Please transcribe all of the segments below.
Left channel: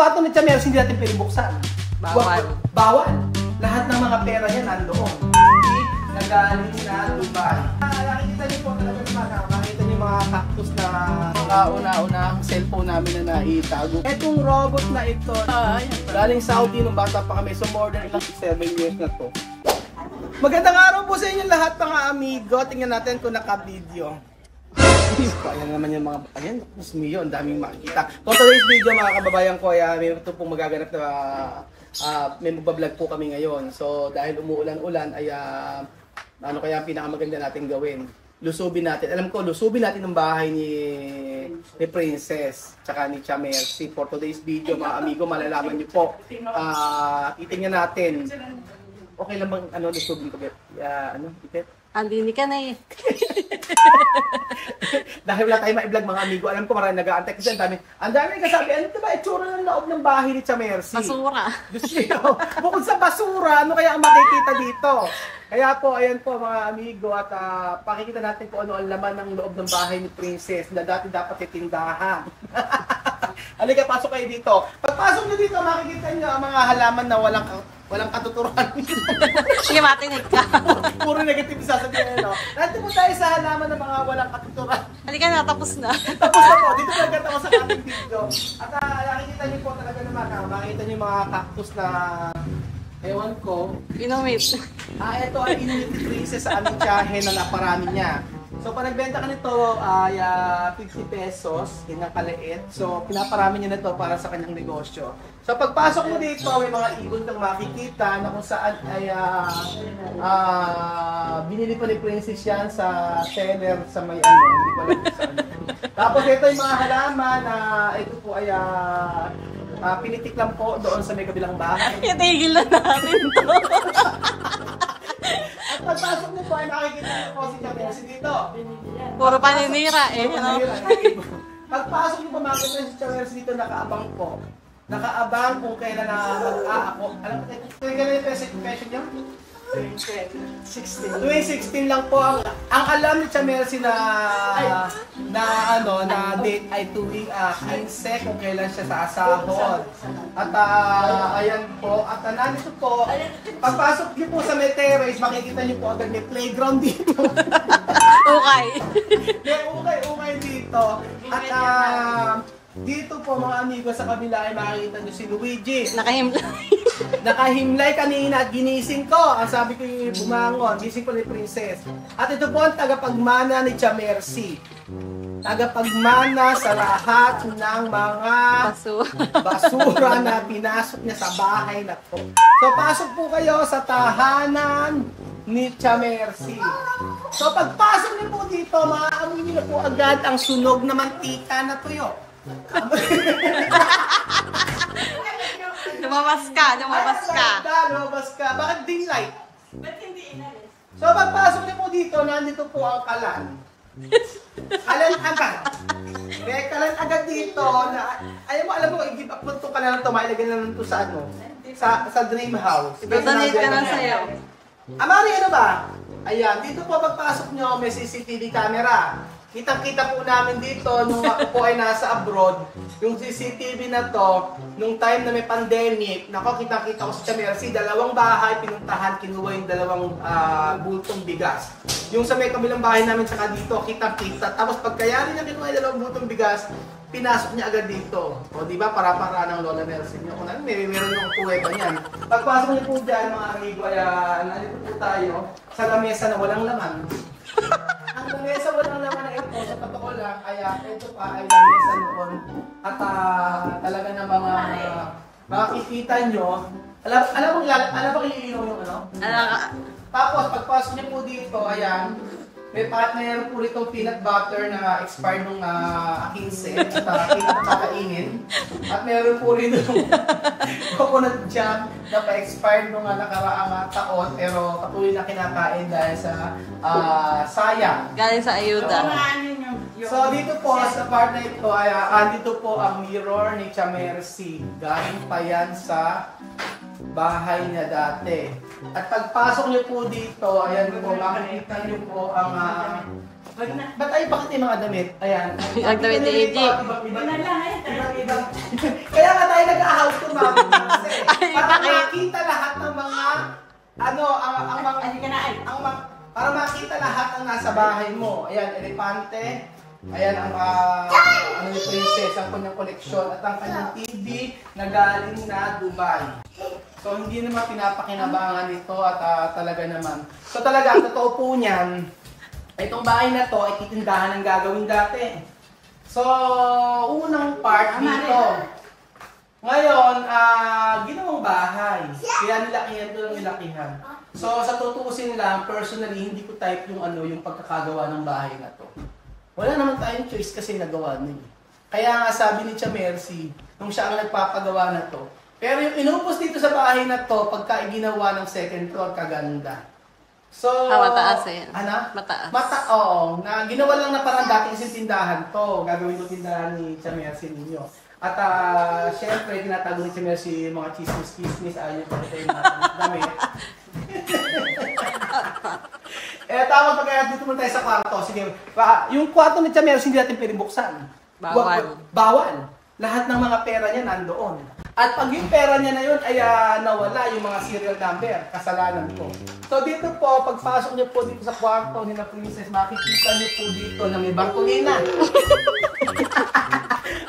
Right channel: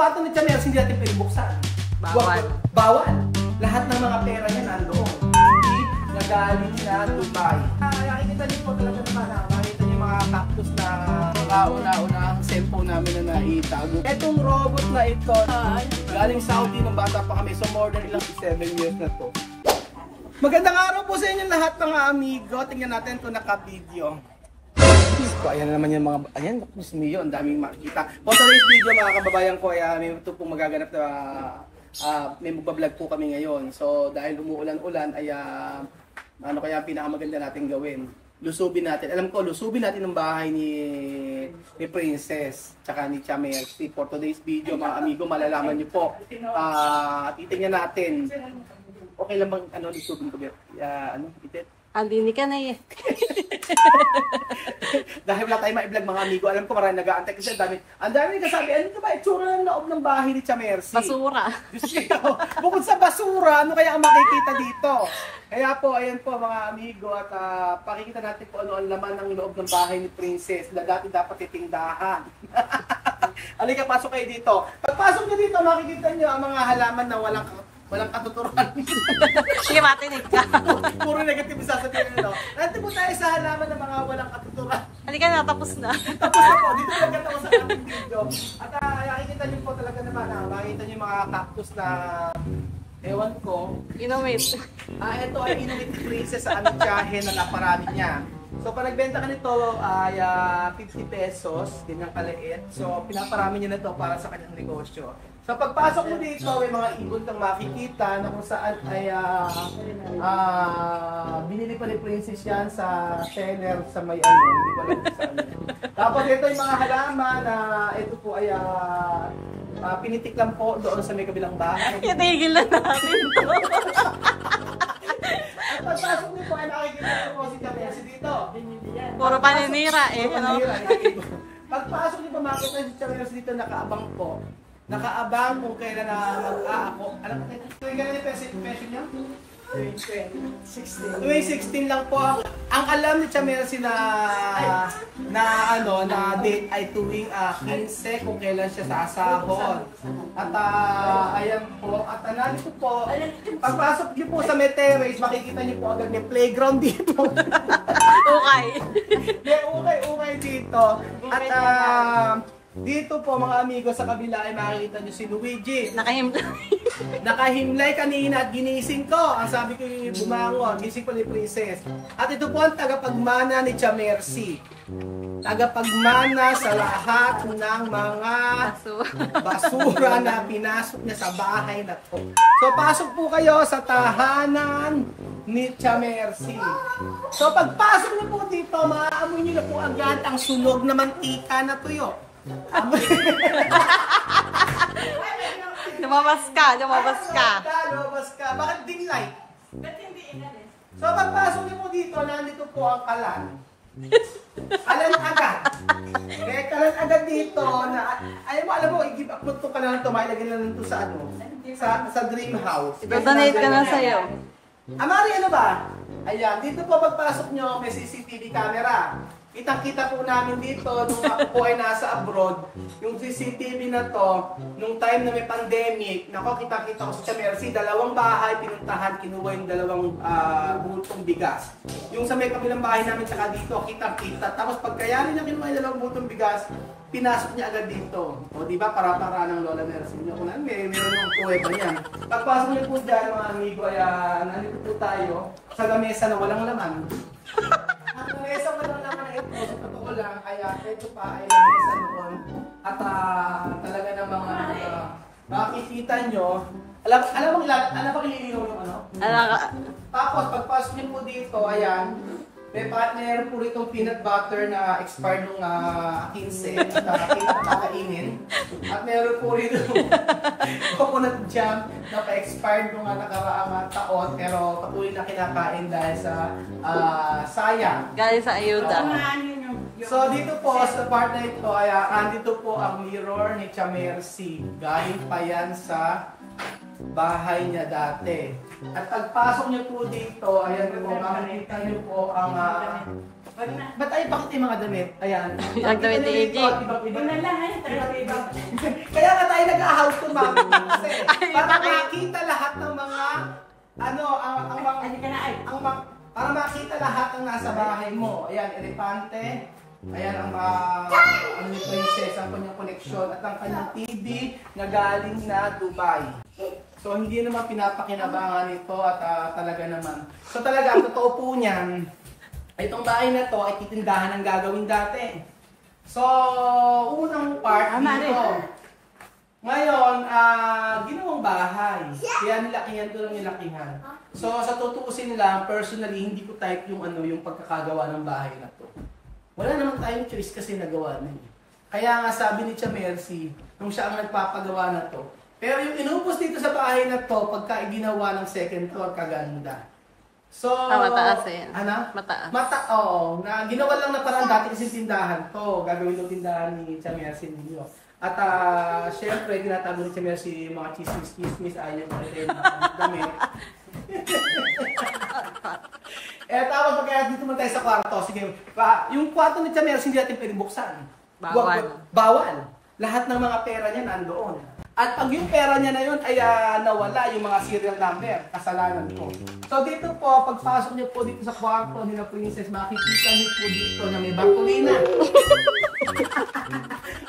kwarto ni Chamers, hindi natin pinibuksan. Bawal. Bawal. Lahat ng mga pera niya nandoon. Hindi nagaling na Dubai. Nakikita niyo po talaga naman, nakikita niyo mga cactus na una-una ang cellphone namin na naitago. Etong robot na ito, galing Saudi nung bata pa kami. So more than ilang 7 years na to. Magandang araw po sa inyo lahat mga amigo. Tingnan natin kung naka-video. Ayan na naman yung mga, ayan, Diyos mio, ang daming makikita. For today's video mga kababayan ko, may ito pong magaganap na, may magbablog po kami ngayon. So dahil umuulan-ulan, ay ano kaya ang pinakamaganda natin gawin? Lusubin natin. Alam ko, lusubin natin ang bahay ni Princess, tsaka ni Chamers. For today's video mga amigo, malalaman niyo po. Titingnan natin. Okay lang bang lusubin ko? Ipet? Andini ka na eh. Dahil wala tayong ma-vlog mga amigo, alam ko marami nag-aantay kasi ang dami kasabi, ano ito ba itsura ng loob ng bahay ni Chamercy? Basura. Diyos ko, bukod sa basura, ano kaya ang makikita dito? Kaya po, ayan po mga amigo, at pakikita natin kung ano ang laman ng loob ng bahay ni Princess na dati dapat itindahan. Halika, pasok kayo dito. Pagpasok nyo dito, makikita nyo ang mga halaman na walang katuturan. Sige, matinig ka. Puro negative sasabihin, no? Nandito po tayo sa halaman ng mga walang katuturan. Halika na, tapos na. Tapos na po, dito po agad ako sa ating video. At nakikita niyo po talaga naman, makikita niyo yung mga cactus na, ewan ko. Inomit. Ito ay inulit Princess sa aming tiyahe na naparami niya. So, pag nagbenta ka nito ay 50 pesos, ganyan kaliit. So, pinaparami niya na ito para sa kanyang negosyo. So, pagpasok mo dito, may mga ibon kang makikita na kung saan ay binili pa ni Princess yan sa seller sa may hindi ko alam kung saan. Tapos ito yung mga halaman na ito po ay pinitik lang po doon sa may kabilang bahay. Itigil na natin to. At pagpasok niyo po ay makikita niyo po si Chamercy dito. Puro paninira eh. No? Pagpasok niyo po makikita si Chamercy dito, nakaabang po. Nakaabang kung kailan na mag-aako. Alam mo, kailan yung pension niyo? 2016 lang po ang alam ni Chamercy na date ay tuwing 15 kung kailan siya sasahod. At ayan po, at nandito po, pagpasok niyo po sa may terrace, makikita niyo po agad may playground dito. Okay. May ukay dito. At dito po mga amigo sa kabila ay makikita nyo si Luigi. Nakahimlay kanina at ginising ko. Ang sabi ko yung bumangon, gising ko ni Princess. At ito po ang tagapagmana ni Chamercy. Tagapagmana sa lahat ng mga basura na pinasok niya sa bahay na to. So pasok po kayo sa tahanan ni Chamercy. So pagpasok niyo po dito, maaamoy niyo na po agad ang sunog na mantika na tuyo. Lumabas ka. Lumabas ka. Bakit dim light? Ba't hindi inalis? So pagpasok niyo po dito, nandito po ang kalan. Kalan agad. Kaya kalan agad dito, alam mo, i-give up mo ito ka na lang ito, mailagay na lang ito sa sa dream house. Ito-donate ka na sa'yo. Amari, ano ba? Ayan, dito po pagpasok nyo, may CCTV camera. Kitang-kita po namin dito, nung ako po ay nasa abroad, yung CCTV na to, nung time na may pandemic, nako, kitang-kita ko sa Chamercy, dalawang bahay, pinuntahan, kinuha yung dalawang bultong bigas. Yung sa may kabilang bahay namin, saka dito, kitang-kita. Tapos pagkayari niya kinuha yung dalawang bultong bigas, pinasok niya agad dito. O diba, para ng Lola Nelson niya. Kung meron yung kuweba niyan. Pagpasok niyo po dyan, mga amigo, ay nandito po tayo sa lamesa na walang laman. Ang lamesa walang laman na ito, sa totoo lang, kaya ito pa ay lamesa noon. At talaga ng mga makikita nyo, alam bang iniinom yung ano? Tapos pagpasok niyo po dito, ayan, may partner po itong peanut butter na expired nung 15 at kinakainin. At meron po rin yung coconut jam na pa-expired nung nakaraang taon pero patuloy na kinakain dahil sa sayang. Galing sa ayuda. So dito po sa part na ito ay dito po ang mirror ni Chamercy. Galing pa yan sa bahay niya dati. At pagpasok niyo po dito, ayan po, makikita niyo po ang Bakit may mga damit? Ayan. Ang damit ni AJ. Kaya nga tayo nag-a-house to ma'am. Kasi para bakit? makita lahat ng mga, para makita lahat ng nasa bahay mo. Ayan, elepante. Ayan ang ni Princess, ang kanyang koleksyon at ang kanyang TV na galing na Dubai. So hindi naman pinapakinabangan ito at talaga naman. So talaga, ang totoo po niyan, itong bahay na to ay titindahan ng gagawin dati. So, unang part dito. Ngayon, ginawang bahay. Kaya nilakihan to ng nilakihan. So, sa tutuusin lang, personally, hindi ko type yung pagkakagawa ng bahay na to. Wala naman tayong choice kasi nagawa na yun. Kaya nga sabi ni Tia Mercy, nung siya ang nagpapagawa na to. Pero yung inupos dito sa bahay na to, pagka iginawa ng second floor, kaganda. So, mataas eh. Ano? Mataas. Oo. Na ginawa lang na parang dati kasi tindahan to. Gagawin ko tindahan ni Tia Mercy ninyo. At syempre, ginatago ni Tia Mercy mga chismis-chismis. Ayaw ko rin yung damit. Tawag pa kaya dito muna tayo sa kwarto. Sige, yung kwarto ni Tia Mercy hindi natin pwede buksan. Bawal. Bawal. Lahat ng mga pera niya nandoon. At pag yung pera niya na yun ay nawala, yung mga serial number, kasalanan ko. So dito po, pagpasok niyo po dito sa kwarto nila Princess, makikita niyo po dito na may Bartolina.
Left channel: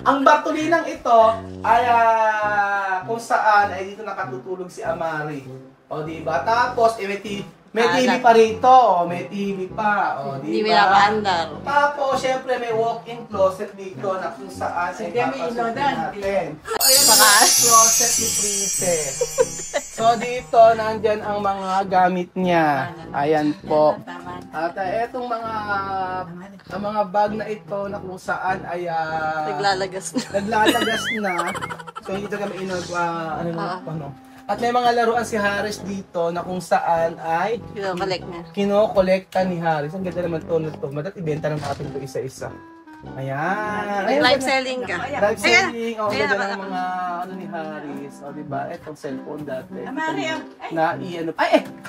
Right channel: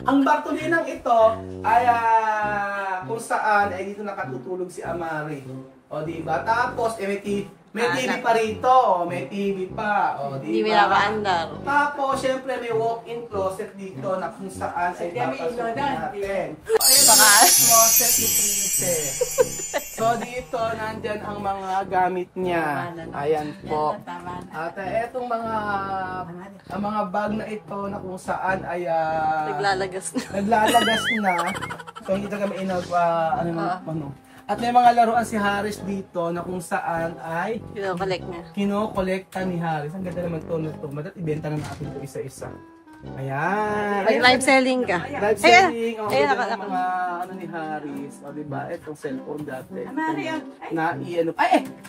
Ang Bartolinang ito ay kung saan ay dito nakatutulog si Amari. O diba? Tapos may TV pa rito, may TV pa, o diba? Hindi pinakaandar. Tapos, syempre may walk-in closet dito na kung saan ay papasok natin. Ayun ang closet ni Princess. So, dito, nandyan ang mga gamit niya. Ayan po. At etong mga bag na ito na kung saan ay Naglalagas na. naglalagas na. So, hindi talaga may ano. At may mga laruan si Harris dito na kung saan ay Kino-collect niya. kino-kolekta ni Harris. Ang ganda naman ito. Madat ibenta ng atin ito isa-isa. Ayan. Ayan. Live selling ka. Live selling. O, ganda ng mga ni Harris. O, diba? Itong cellphone dati.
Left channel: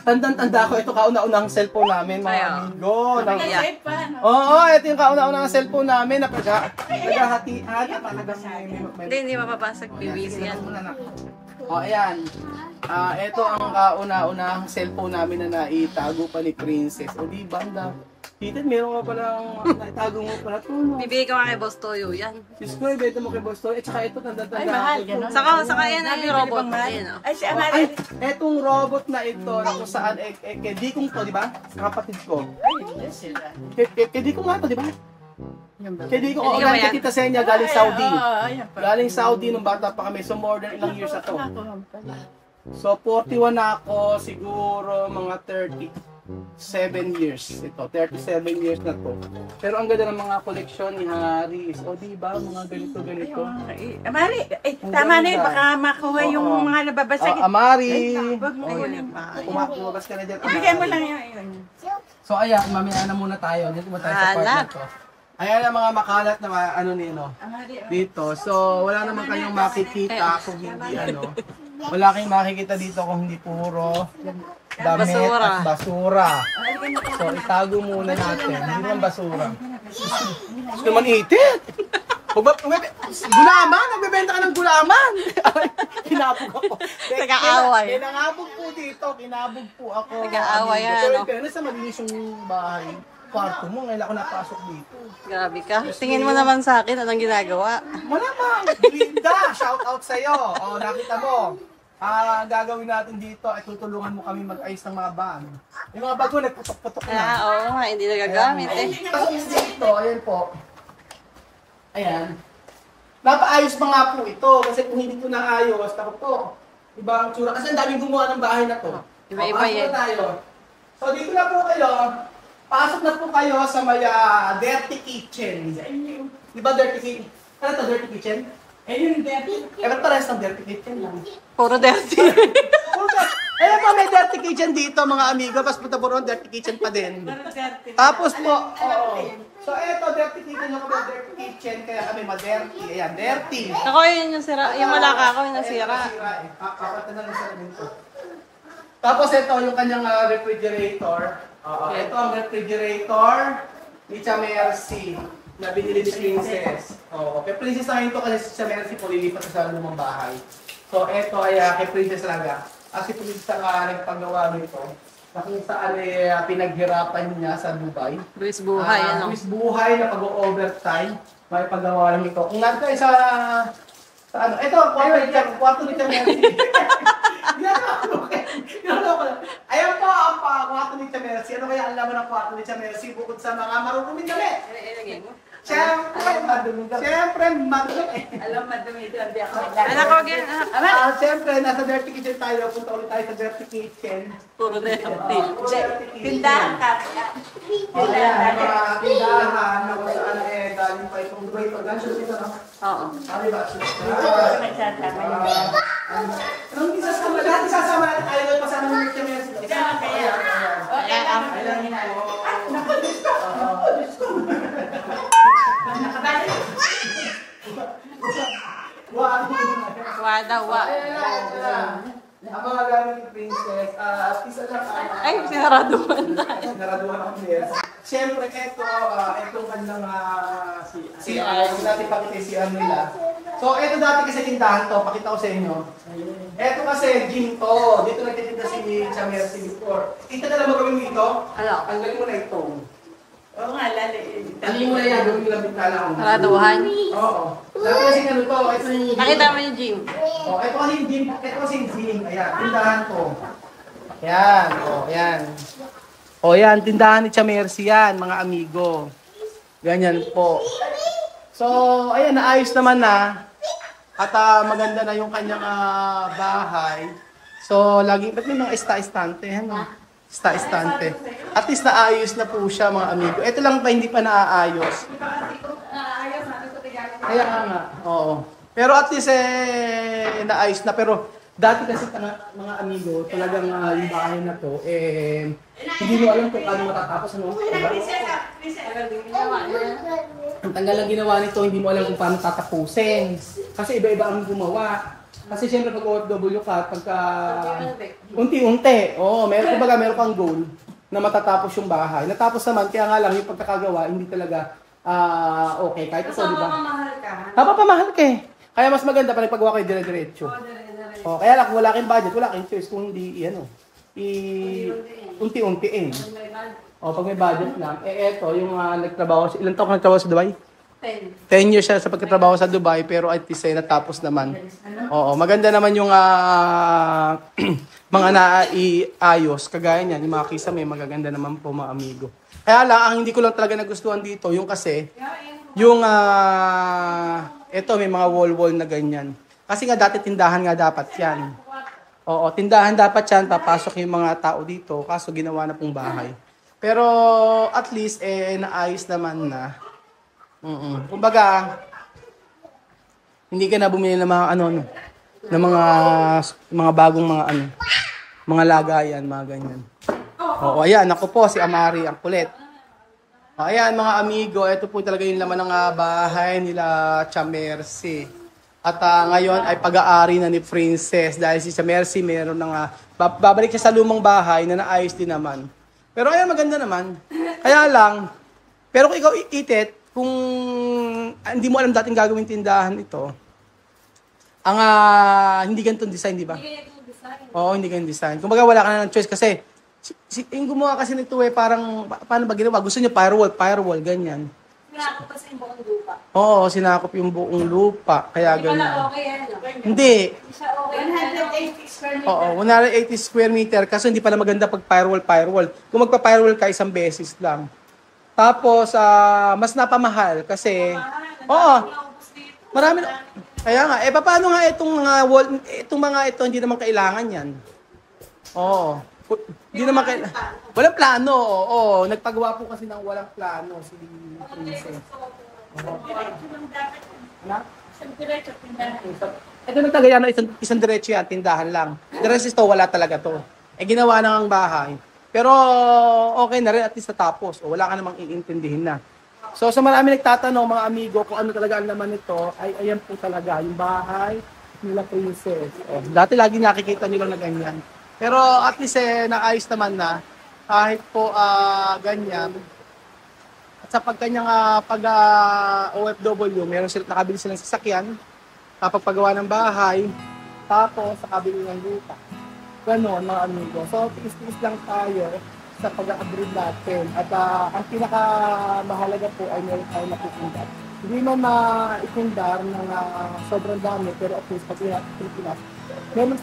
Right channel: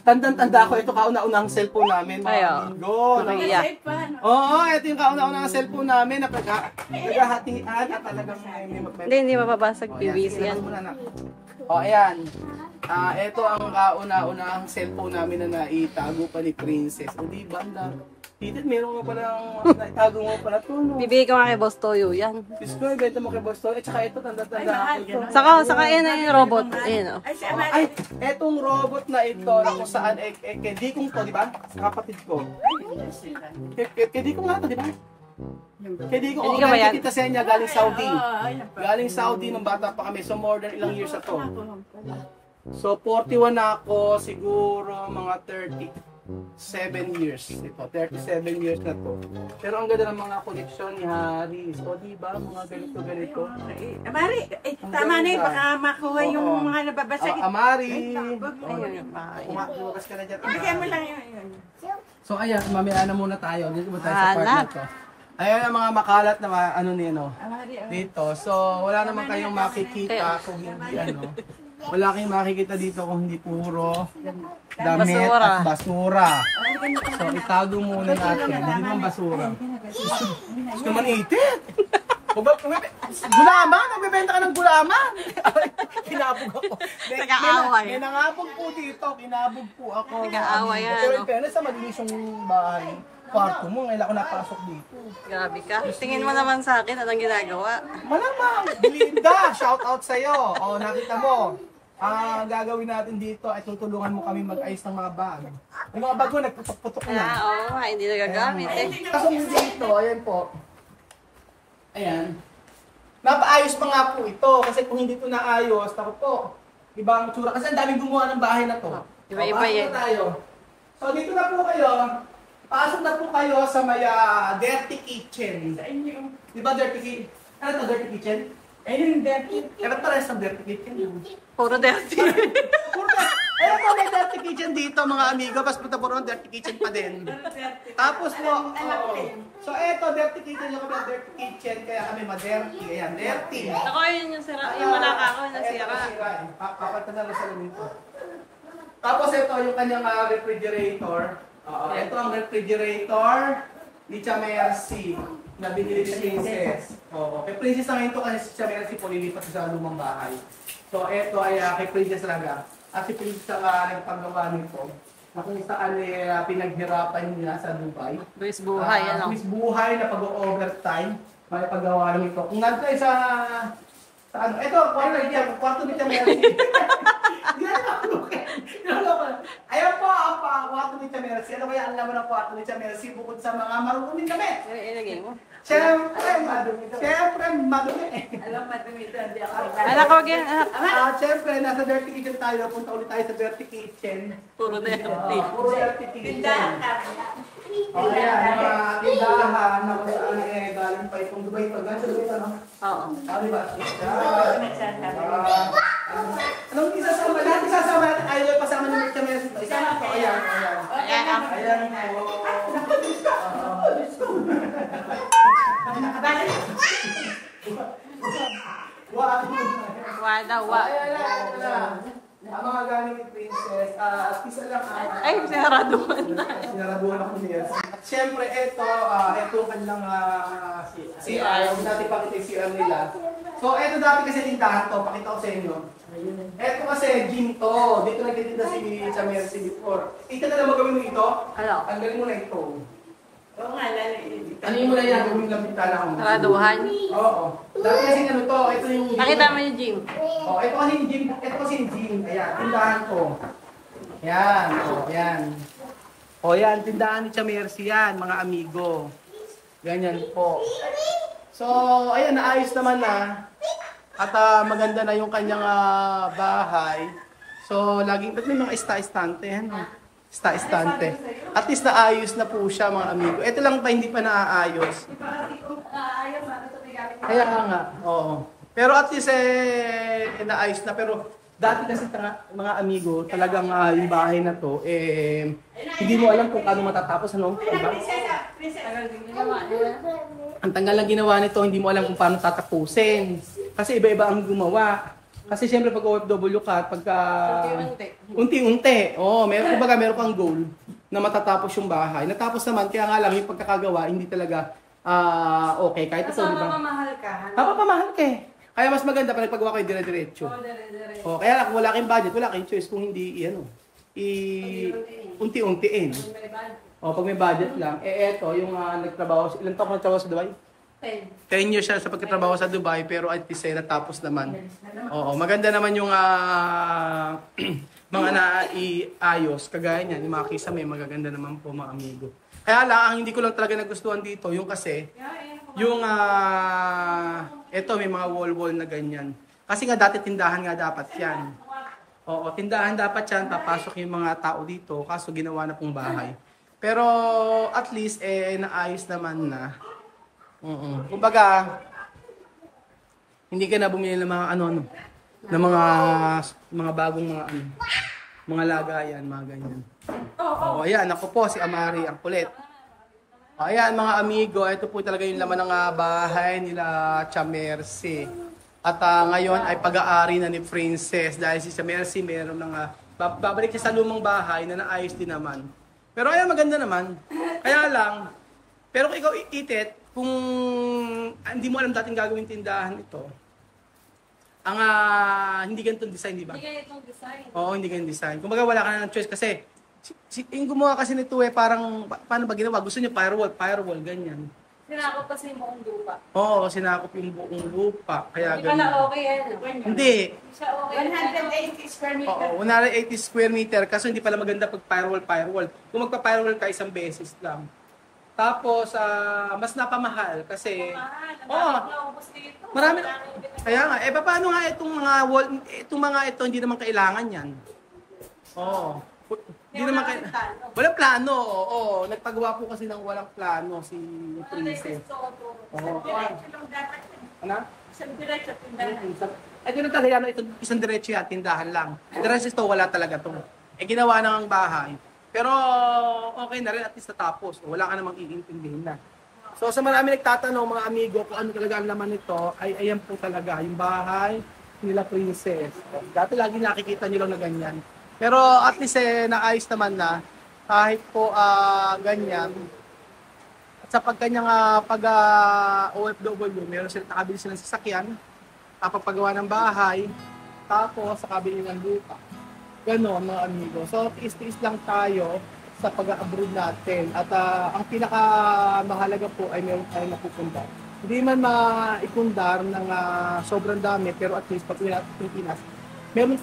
Tandang-tanda ko. Ito kauna-unang cellphone namin. Mga amigo. Oo, ito yung kauna-unang cellphone namin. Naghahatian at talagang Hindi mapapasag PVC yan. O, ayan. Ito ang kauna-unang cellphone namin na naitago pa ni Princess. O, diba? Peter, meron ka palang naitago mo pala ito, no? Bibigay ko nga kay Boss Toyo yan. Diyos ko, ibenta mo kay Boss Toy. Tsaka ito, tanda-tanda ako. Saka yun ang robot na yun, no? Ay, etong robot na ito, na kung saan, kedi kong to, di ba? Kapatid ko. Kedi kong nga to, di ba? Kedi ko, galing kita sa inyo, galing Saudi. Galing Saudi nung bata pa kami. So, more than ilang years na to. So, 41 na ako, siguro mga 37 years. Ito, 37 years na to. Pero ang ganda ng mga koleksyon ni Harris. O, diba? Mga ganito-ganito. Amari, tama na yun. Baka makuha yung mga nababasag. Amari. Ayun yung bahay. Lumabas ka na dyan, Amari. Bigyan mo lang yun. So, ayan, mamaya na muna tayo. Dito mo tayo sa part na to. Ayan ang mga makalat na mga dito. So, wala naman kayong makikita kung hindi wala kayong makikita dito kung hindi puro damit at basura. So, itago muna natin. Hindi naman basura. Gusto naman itit. Gulaman! Nagbebenta ka ng gulaman! Kinabog ako. Nag-aaway. May nangabog po dito. Kinabog po ako. Nag-aaway yan, Pero no? pero sa mag-iis yung bahay, kwarto mo, ngayon ako napasok dito. Grabe ka. Tingin mo naman sa akin, anong ginagawa? Malamang! Belinda! Shout out sa'yo! O, nakita mo. Gagawin natin dito ay tutulungan mo kami mag-ayos ng mga bag. Yung mga bag mo, nagputok-putok na. Oo nga, hindi nagagamit eh. Ako dito, ayan po. Ayan. Napaayos pa nga po ito. Kasi kung hindi ito naayos, tako po. Iba ang tsura. Kasi ang daming gumawa ng bahay na to. Iba-iba yan. Tayo. So dito na po kayo. Pasok na po kayo sa may dirty kitchen. Di ba dirty kitchen? Ano to, dirty kitchen? Ayun yung dirty. Ewan pares ng dirty kitchen lang. Puro dirty. Ayun po, may dirty kitchen dito mga amigo. Mas punta po ron, dirty kitchen pa din. Tapos po, so eto, dirty kitchen yung kami dirty kitchen. Kaya kami ma-dirty. Ayan, dirty. Ako yun yung sira. Yung malaka ako yung nasira. Kapata na lang sa dito. Tapos ito yung kanyang refrigerator. Ito ang refrigerator. ni Cha Mercy na binili ni Princess. Oo, kay Princess na ito kasi si Cha Mercy po lilipat sa lumang bahay. So, ito ay kay Princess talaga. At si Princess ang nagpagawa nito. Na kung saan pinaghirapan niya sa Dubai. Luis Buhay, ano? Luis Buhay na pag-overtime. May paggawa lang ito. Kung nandun sa ano, ito, kwarto ni Cha Mercy. Ayan po ang kwarto ni Cha Mercy. Ano kaya ang laman ng kwarto ni Cha Mercy bukod sa mga marunong damit? Ilagay mo. Siyempre, madumi. Alam, madumi ito. Hindi ako. Anak ko, anak. Siyempre, nasa Dirty Kitchen tayo. Punta ulit tayo sa Dirty Kitchen. Puro dirty. Puro Dirty Kitchen. Tindahan ka. O, ayan, mga tindahan na kung saan galing pa itong Dubai. Ganito ito, no? Oo. Diba? Anong isasama? Lahat isasama natin. Ayaw na pasama ni Mercy Mercy. Ayan. Ayan, Wa daw, wa. Ang mga galing ni Princess, at isa lang Ay, sinaraduhan na. sinaraduhan ako ni Elsa. At syempre, ito ang kanilang CR. dati pakitisian nila. So, ito dati kasi tindahan to, pakita ko sa inyo. Ito kasi gym to. Dito nagtitinda si Cha Mercy before. Ito na lang ba gawin mo ito? Ano? Tanggalin mo na ito. Oo nga, lalo. Tanggalin mo na yan, gawin mo lang bintana ko. Saraduhan. Oo. Dati kasi ano to, ito yung gym. Nakita mo yung gym. Oh, ito kasi yung gym. Ito kasi yung gym. Ayan, tindahan ko. Ayan. Oh, ayan. Oh, ayan, tindahan ni Cha Mercy yan, mga amigo. Ganyan po. So, ayan, naayos naman na. At maganda na yung kanyang bahay. So, lagi, ba't may mga ista-istante? Ano? Ista-istante. At least naayos na po siya, mga amigo. Ito lang pa, hindi pa naaayos. Kaya nga, oo. Pero at least naayos na. Pero dati kasi mga amigo, talagang yung bahay na to, hindi mo alam kung paano matatapos. Ano? Diba? Ang tanggal lang ginawa nito, hindi mo alam kung paano tatapusin. Kasi iba-iba ang gumawa. Kasi siyempre pag OFW ka, pagka unti-unti, meron kang goal na matatapos yung bahay. Natapos naman, kaya nga lang yung pagkakagawa, hindi talaga okay. Kahit ito, di ba? Papapamahal ka eh. Kaya mas maganda pa nagpagawa kayo dire-diretso. Kaya lang, kung wala kang budget, wala kang choice kung hindi, unti-untiin. Pag may budget lang. Eto, yung nagtrabaho, ilang taon ka nagtrabaho sa Dubai? 10 years siya sa pagkatrabaho sa Dubai, pero at least natapos naman. Maganda naman yung mga naiayos. Kagaya niyan, yung mga kisame, magaganda naman po mga amigo. Kaya lang, ang hindi ko lang talaga nagustuhan dito, yung kasi, yung, eto, may mga wall-wall na ganyan. Kasi nga dati tindahan nga dapat yan. Tindahan dapat yan, papasok yung mga tao dito, kaso ginawa na pong bahay. Pero at least, naayos naman na. Kumbaga, hindi ka na bumili ng mga ng mga bagong mga lagayan, mga ganyan. Ayan, ako po si Amari ang kulit. Ayan mga amigo, ito po talaga yung laman ng bahay nila Cha Mercy. At ngayon ay pag-aari na ni Princess dahil si Cha Mercy meron ng babalik siya sa lumang bahay na naayos din naman. Pero ayan, maganda naman. Kaya lang, pero kung ikaw itit, kung hindi mo alam dating gagawin tindahan ito, ang hindi ganitong design, di ba? Hindi ganitong design. Oo, hindi ganitong design. Kumbaga wala ka na ng choice kasi yung gumawa kasi nito parang paano ba ginawa? Gusto niya firewall, ganyan. Sinakop kasi yung buong lupa. Oo, sinakop yung buong lupa. Kaya Hindi ganyan. pala okay yan. Hindi. Hindi siya okay. 180 square meter. Oo, 180 square meter kasi hindi pala maganda pag firewall. Kung magpa-firewall ka isang beses lang. Tapos, mas napamahal kasi, marami, kaya nga, paano nga itong mga wall, ito, hindi naman kailangan yan. Hindi naman kailangan, walang plano, nagpagawa po kasi ng walang plano si Princess. Ano? Isang diretso, tindahan. Ito na talaga yan, isang diretso yan, tindahan lang. The rest is to, wala talaga to. Ginawa na ang bahay. Pero okay na rin, at least natapos. Wala ka namang iintindihin na. So sa marami nagtatanong, mga amigo, kung ano talaga ang laman nito, ay ayan po talaga, yung bahay nila Princess. Dati lagi nakikita nyo lang na ganyan. Pero at least naayos naman na, kahit po ganyan. At sa pagkanyang OFW, meron sila, nakabili silang sasakyan, kapagpagawa ng bahay, tapos sa kabili ng lupa. Ganon mga amigo. So, tiis-tiis lang tayo sa pag-abroad natin. At ang pinakamahalaga po ay meron tayong napupundar. Hindi man maipundar ng sobrang dami, pero at least pag Pilipinas, meron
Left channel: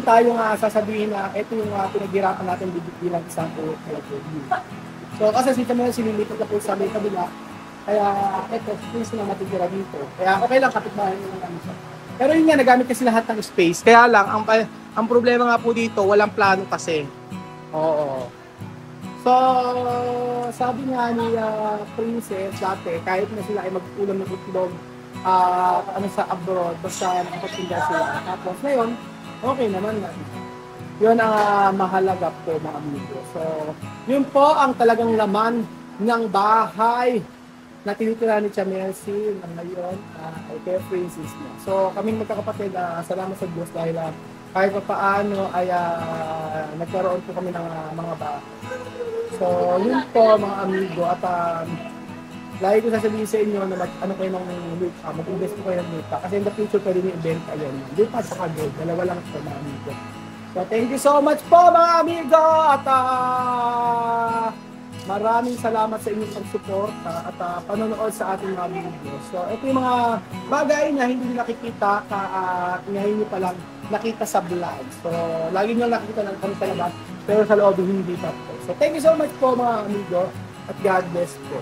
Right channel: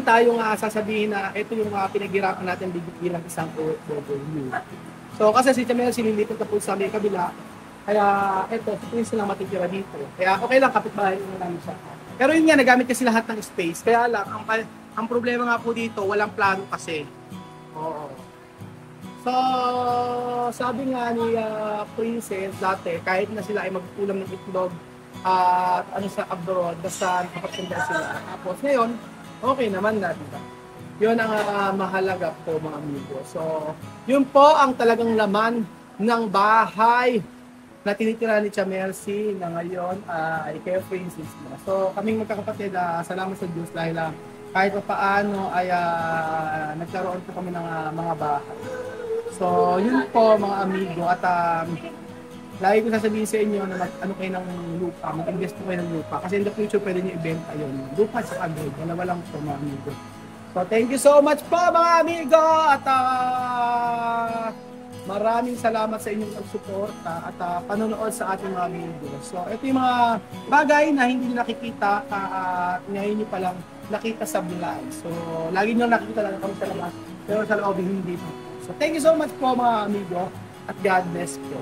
tayong sasabihin na ito yung pinaghirapan natin bilang isang OFW. So, kasi si Chamel sinilipat na po sa may kabila, kaya ito, please lang matitira dito. Kaya okay lang, kapitbahay nyo namin siya. Pero yun nga, nagamit kasi lahat ng space. Kaya lang, ang problema nga po dito, walang plano kasi. Oo. So, sabi nga ni Princess dati, kahit na sila ay mag-ulam ng itlog at sa abroad, basta nakapagpunta sila. Tapos ngayon, okay naman na. Yun ang mahalaga po mga amigo. So, yun po ang talagang laman ng bahay na tinitira ni Chamelsi na ngayon ay kay Princess mo. So, kaming magkakapatid, salamat sa Diyos dahil kahit pa paano ay nagkaroon po kami ng mga bahay. So, yun po mga amigo. At lagi ko sasabihin sa inyo na mag-ano kayo ng lupa, mag-invest po kayo ng lupa. Kasi in the future, pwede nyo ibenta yun. Lupa sa gold. Dalawa lang po mga amigo. So, thank you so much po mga amigo. At maraming salamat sa inyong pagsuporta at panonood sa ating mga video. So, ito yung mga bagay na hindi nyo nakikita at ngayon nyo palang nakita sa vlog. So, lagi nyo nakikita lang kami sa labas, pero sa loob hindi pa po. So, thank you so much po mga amigo at God bless po.